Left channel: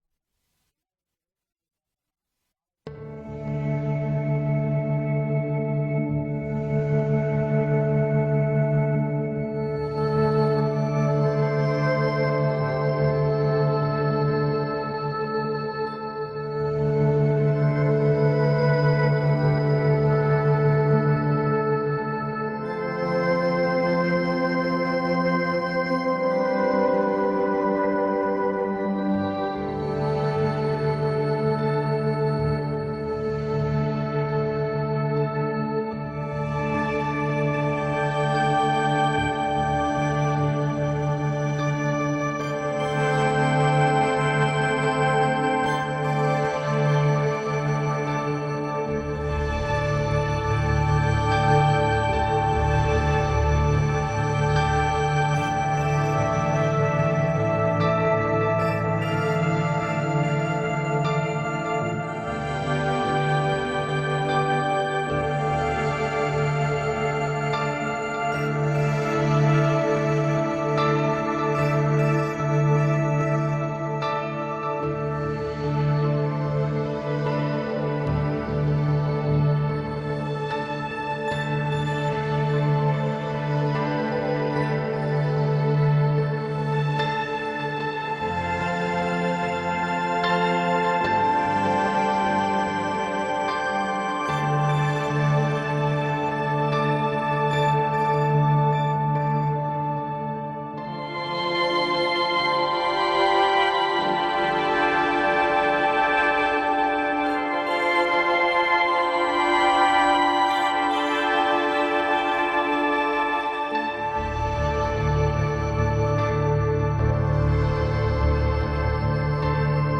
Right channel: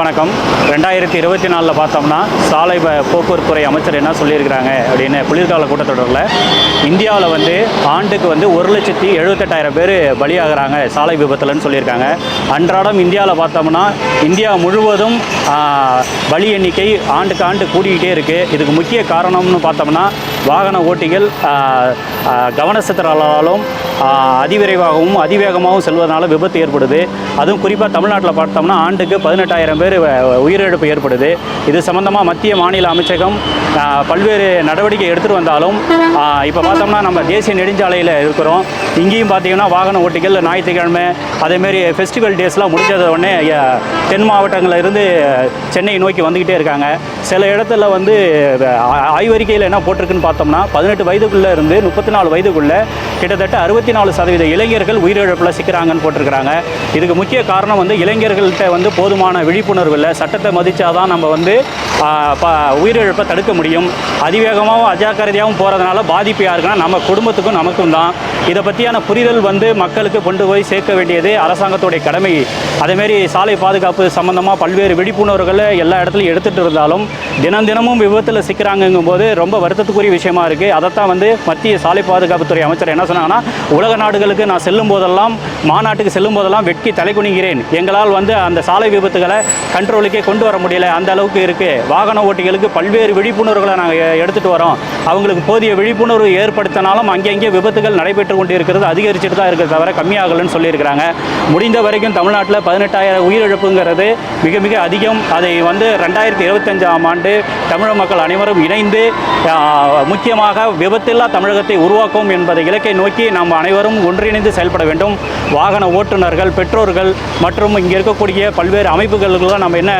வணக்கம். 2024 பார்த்தோம்னா சாலை போக்குவரத்துறை அமைச்சர் என்ன சொல்லியிருக்கிறாங்க அப்படின்னு குளிர்கால கூட்டத்தொடரில் இந்தியாவில் ஆண்டுக்கு 1,78,000 பேர் பலியாகிறாங்க சாலை விபத்துலன்னு சொல்லியிருக்காங்க. அன்றாடம் இந்தியாவில் பார்த்தோம்னா இந்தியா முழுவதும் பலி எண்ணிக்கை ஆண்டுக்கு ஆண்டு கூடிக்கிட்டே இருக்குது. இதுக்கு முக்கிய காரணம்னு பார்த்தோம்னா வாகன ஓட்டிகள் கவனச்சிதறலாலும் அதிவிரைவாகவும் அதிவேகமாகவும் செல்வதனால விபத்து ஏற்படுது. அதுவும் குறிப்பாக தமிழ்நாட்டில் பார்த்தோம்னா ஆண்டுக்கு 18,000 பேர் உயிரிழப்பு ஏற்படுது. இது சம்பந்தமாக மத்திய மாநில அமைச்சகம் பல்வேறு நடவடிக்கை எடுத்துகிட்டு வந்தாலும் இப்போ பார்த்தோம்னா நம்ம தேசிய நெடுஞ்சாலையில் இருக்கிறோம். இங்கேயும் பார்த்தீங்கன்னா வாகன ஓட்டிகள் ஞாயிற்றுக்கிழமை அதேமாரி ஃபெஸ்டிவல் டேஸ்லாம் முடிஞ்சத உடனே தென் மாவட்டங்களில் இருந்து சென்னை நோக்கி வந்துக்கிட்டே இருக்காங்க. சில இடத்துல ஆய்வறிக்கையில் என்ன போட்டிருக்குன்னு பார்த்தோம்னா 18 வயதுக்குள்ளே இருந்து 34 வயதுக்குள்ளே கிட்டத்தட்ட 64% இளைஞர்கள் உயிரிழப்பில் சிக்கிறாங்கன்னு போட்டிருக்கிறாங்க. இதுக்கு முக்கிய காரணம் இளைஞர்கள்ட்ட போதுமான விழிப்புணர்வு இல்லை. சட்டத்தை மதித்தாதான் நம்ம உயிரிழப்பை தடுக்க முடியும். அதிவேகமாகவும் அஜாக்கிரதையாகவும் போகிறதுனால பாதிப்பு யாருக்குன்னா நம்ம குடும்பத்துக்கும் நமக்கும் தான். இதை பற்றியான புரிதல் மக்களுக்கு கொண்டு போய் சேர்க்க வேண்டியது அரசாங்கத்துடைய கடமை. அதேமாரி சாலை பாதுகாப்பு சம்பந்தமாக பல்வேறு விழிப்புணர்வுகளை எல்லா இடத்துலையும் எடுத்துகிட்டு இருந்தாலும் தினமும் விபத்தில் சிக்கிறாங்கங்கும் போது ரொம்ப வருத்தத்துக்குரிய விஷயமா இருக்குது. அதைத்தான் மத்திய சாலை பாதுகாப்புத்துறை அமைச்சர் என்ன சொன்னாங்கன்னா, உலக நாடுகளுக்கு நான் செல்லும் போதெல்லாம் மாநாட்டுக்கு செல்லும் போதெல்லாம் வெட்கி தலைகுனிகிறேன். எங்களால் அந்த சாலை விபத்துகளை கண்ட்ரோலுக்கே கொண்டு வர முடியல, அந்த அளவுக்கு இருக்குது. வாகன ஓட்டிகளுக்கு பல்வேறு விழிப்புணர்வுகளை நாங்கள் எடுத்துகிட்டு வரோம். அவங்களுக்கு போதிய விழிப்புணர்வு ஏற்படுத்தினாலும் அங்கங்கே விபத்துகள் நடைபெற்று கொண்டு இருக்கிறது, அதிகரிச்சுட்டு தான் இருக்கிறது, தவிர கம்மியாகலன்னு சொல்லியிருக்கிறாங்க. முடிந்த வரைக்கும் தமிழ்நாட்டில் 18,000 உயிரிழப்புங்கிறது மிக மிக அதிகம். அதை 2025ஆம் ஆண்டு தமிழக மக்கள் அனைவரும் இணைந்து முக்கியமாக விபத்தில்லா தமிழகத்தை உருவாக்கும் என்பதை இலக்கை நோக்கி நாம் அனைவரும் ஒன்றிணைந்து செயல்பட வேண்டும். வாகன ஓட்டுநர்கள், பெற்றோர்கள் மற்றும் இங்கே இருக்கக்கூடிய பல்வேறு அமைப்புகளுக்கெல்லாம் நம்ம என்ன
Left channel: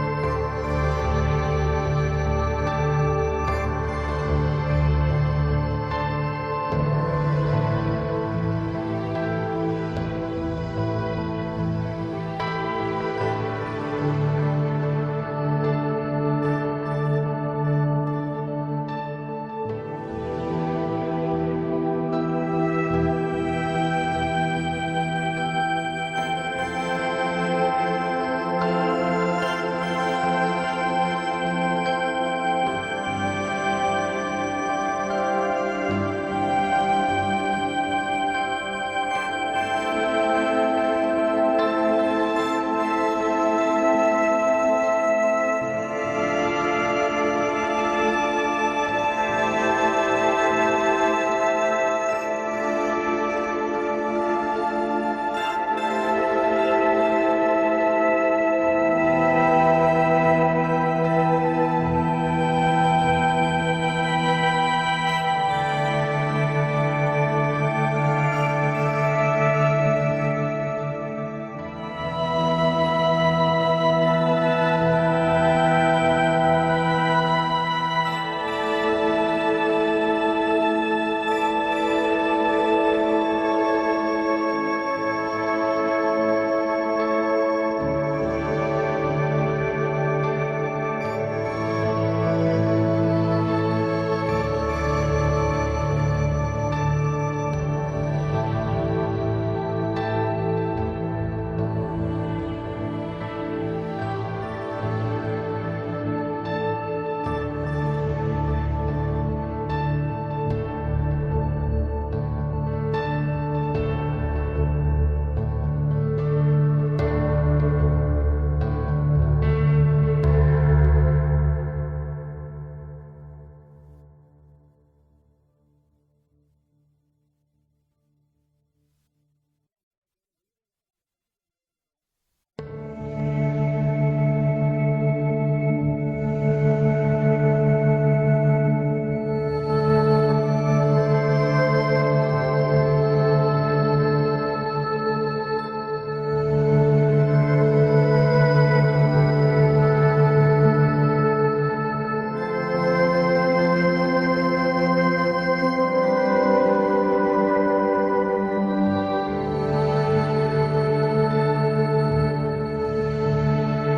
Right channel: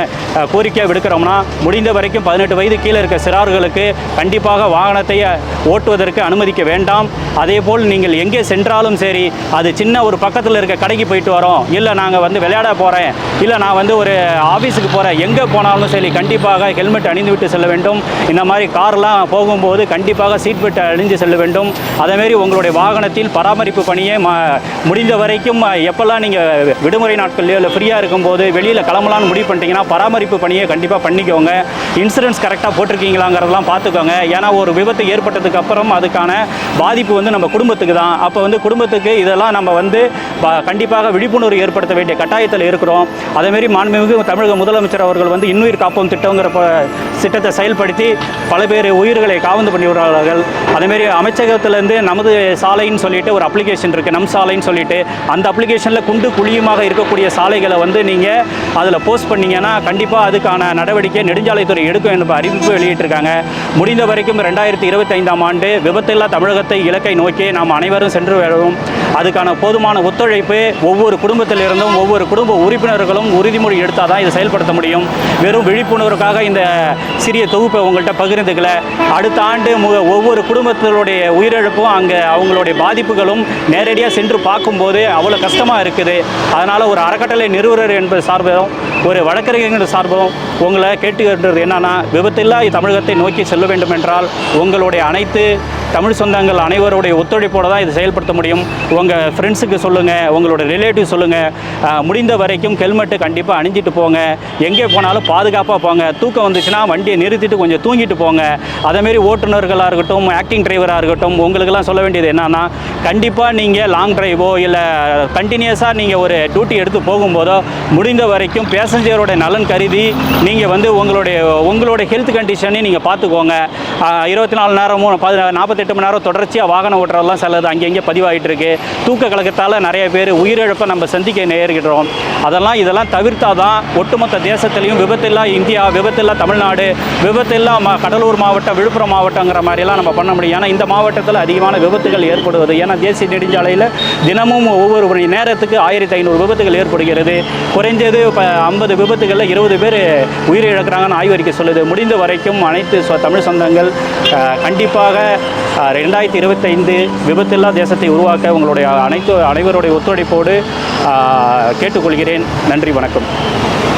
கோரிக்கையாக விடுக்கிறோம்னா, முடிந்த வரைக்கும் 18 வயது கீழே இருக்க சிறார்களுக்கு கண்டிப்பாக வாகனத்தை ஓட்டுவதற்கு அனுமதிக்க வேண்டாம். அதேபோல் நீங்கள் எங்கே சென்றாலும் சரி, அது சின்ன ஒரு பக்கத்தில் இருக்க கடைக்கு போயிட்டு வரோம், இல்லை நாங்கள் விளையாட போகிறேன், இல்லை நான் ஒரு ஆஃபீஸுக்கு போகிறேன், எங்கே போனாலும் சரி கண்டிப்பாக ஹெல்மெட் அணிந்து விட்டு செல்ல வேண்டும். இந்த மாதிரி கார்லாம் போகும்போது கண்டிப்பாக சீட் பெல்ட் அணிந்து செல்ல வேண்டும். அதேமாரி உங்களுடைய வாகனத்தில் பராமரிப்பு பணியை முடிந்த வரைக்கும் எப்போல்லாம் நீங்கள் விடுமுறை நாட்கள்லையோ இல்லை ஃப்ரீயாக இருக்கும்போது வெளியில் கிளம்பலான்னு முடிவு பண்ணிட்டீங்கன்னா பராமரிப்பு பணியை கண்டிப்பாக பண்ணிக்கோங்க. இன்சூரன்ஸ் கரெக்டாக போட்டிருக்கீங்களாங்கிறதெல்லாம் பார்த்துக்கோங்க. ஏன்னா ஒரு விபத்து ஏற்பட்டதுக்கு அப்புறம் அதுக்கான பாதிப்பு நம்ம குடும்பத்துக்கு தான். அப்போ குடும்பத்துக்கு இதெல்லாம் நம்ம கண்டிப்பாக விழிப்புணர்வு ஏற்படுத்த வேண்டிய கட்டாயத்தில் இருக்கிறோம். அதேமாரி மாண்புமிகு தமிழக முதலமைச்சர் அவர்கள் இன்னுயிர் காப்போம் திட்டங்கிற திட்டத்தை செயல்படுத்தி பல பேர் உயிர்களை காவந்து பண்ணி வருவார்கள். அதேமாரி அமைச்சகத்திலேருந்து நமது சாலைன்னு சொல்லிட்டு ஒரு அப்ளிகேஷன் இருக்குது, நம் சாலைன்னு சொல்லிட்டு. அந்த அப்ளிகேஷனில் குண்டு குழியுமாக இருக்கக்கூடிய சாலைகளை நீங்கள் அதில் போஸ்ட் பண்ணிங்கன்னா கண்டிப்பாக அதுக்கான நடவடிக்கை நெடுஞ்சாலைத்துறை எடுக்கும் என்ற அறிவிப்பு வெளியிட்டிருக்காங்க. முடிந்த வரைக்கும் 2025ஆம் ஆண்டு விபத்தில்லா தமிழகத்தை இலக்கை நோக்கி நாம் அனைவரும் சென்று வருவோம். அதுக்கான போதுமான ஒத்துழைப்பு ஒவ்வொரு குடும்பத்திலிருந்தும் ஒவ்வொரு குடும்ப உறுப்பினர்களும் உறுதிமொழி எடுத்தால் தான் இதை செயல்படுத்த முடியும். வெறும் விழிப்புணர்வுக்காக இந்த சிறிய தொகுப்பை உங்கள்கிட்ட பகிர்ந்துக்கல. அடுத்த ஆண்டு ஒவ்வொரு குடும்பத்தினுடைய உயிரிழப்பும் அங்கே அவங்களுடைய பாதிப்புகளும் நேரடியாக சென்று பார்க்கும்போது அவ்வளோ கஷ்டமாக இருக்குது. அதனால் ஒரு அறக்கட்டளை நிறுவனர் என்பது சார்பும் ஒரு வழக்கறிஞர் சார்பும் உங்களை கேட்டுக்கின்றது என்னன்னா, விபத்தில்லா தமிழகத்தை நோக்கி செல்ல வேண்டும் என்றால் உங்களுடைய அனைத்து தமிழ் சொந்தங்கள் அனைவருடைய ஒத்துழைப்போடு தான் இதை செயல்படுத்த முடியும். உங்கள் ஃப்ரெண்ட்ஸுக்கு சொல்லுங்கள், உங்களோட ரிலேட்டிவ் சொல்லுங்கள். முடிந்த வரைக்கும் ஹெல்மெட்டு கண்டிப்பாக அணிஞ்சிட்டு போங்க. எங்கே போனாலும் பாதுகாப்பாக போங்க. தூக்கம் வந்துச்சுன்னா வண்டியை நிறுத்திட்டு கொஞ்சம் தூங்கிட்டு போங்க. அதேமாரி ஓட்டுநர்களாக இருக்கட்டும், ஆக்டிங் டிரைவராக இருக்கட்டும், உங்களுக்கெல்லாம் சொல்ல வேண்டியது என்னன்னா, கண்டிப்பாக நீங்கள் லாங் டிரைவோ இல்லை கண்டினியூஸாக நீங்கள் ஒரு டியூட்டி எடுத்து போகும்போதோ முடிந்த வரைக்கும் பேசஞ்சரோட நலன் கருதி நீங்கள் உங்களுடைய ஹெல்த் கண்டிஷனை நீங்கள் பார்த்துக்கோங்க. 24 நேரமும் 48 மணி நேரம் தொடர்ச்சியாக வாகனம் ஓட்டுறதெல்லாம் சிலது அங்கங்கே பதிவாகிட்டு இருக்கு. தூக்க கலக்கத்தால் நிறைய பேர் உயிரிழப்பை நம்ம சந்திக்க நேரிடுறோம். இதெல்லாம் தவிர்த்தால் தான் ஒட்டுமொத்த தேசத்திலையும் விபத்தில்லா இந்தியா, விபத்தில்லா தமிழ்நாடு, விபத்தில்லா கடலூர் மாவட்டம், விழுப்புரம் மாவட்டங்கிற மாதிரிலாம் நம்ம பண்ண முடியும். ஏன்னா இந்த மாவட்டத்தில் அதிகமான விபத்துகள் ஏற்படுவது. ஏன்னா தேசிய நெடுஞ்சாலையில் தினமும் ஒவ்வொரு மணி நேரத்துக்கு 1500 விபத்துகள் ஏற்படுகிறது. குறைஞ்சது 50 விபத்துகளில் 20 பேர் உயிரிழக்கிறாங்கன்னு ஆய்வறிக்கை சொல்லுது. முடிந்த வரைக்கும் அனைத்து தமிழ் சொந்தங்கள் கண்டிப்பாக 2025 விபத்தில்லா தேசத்தை உருவாக்க உங்களுடைய அனைவருடைய ஒத்துழைப்போடு கேட்டுக்கொள்கிறேன். நன்றி, வணக்கம்.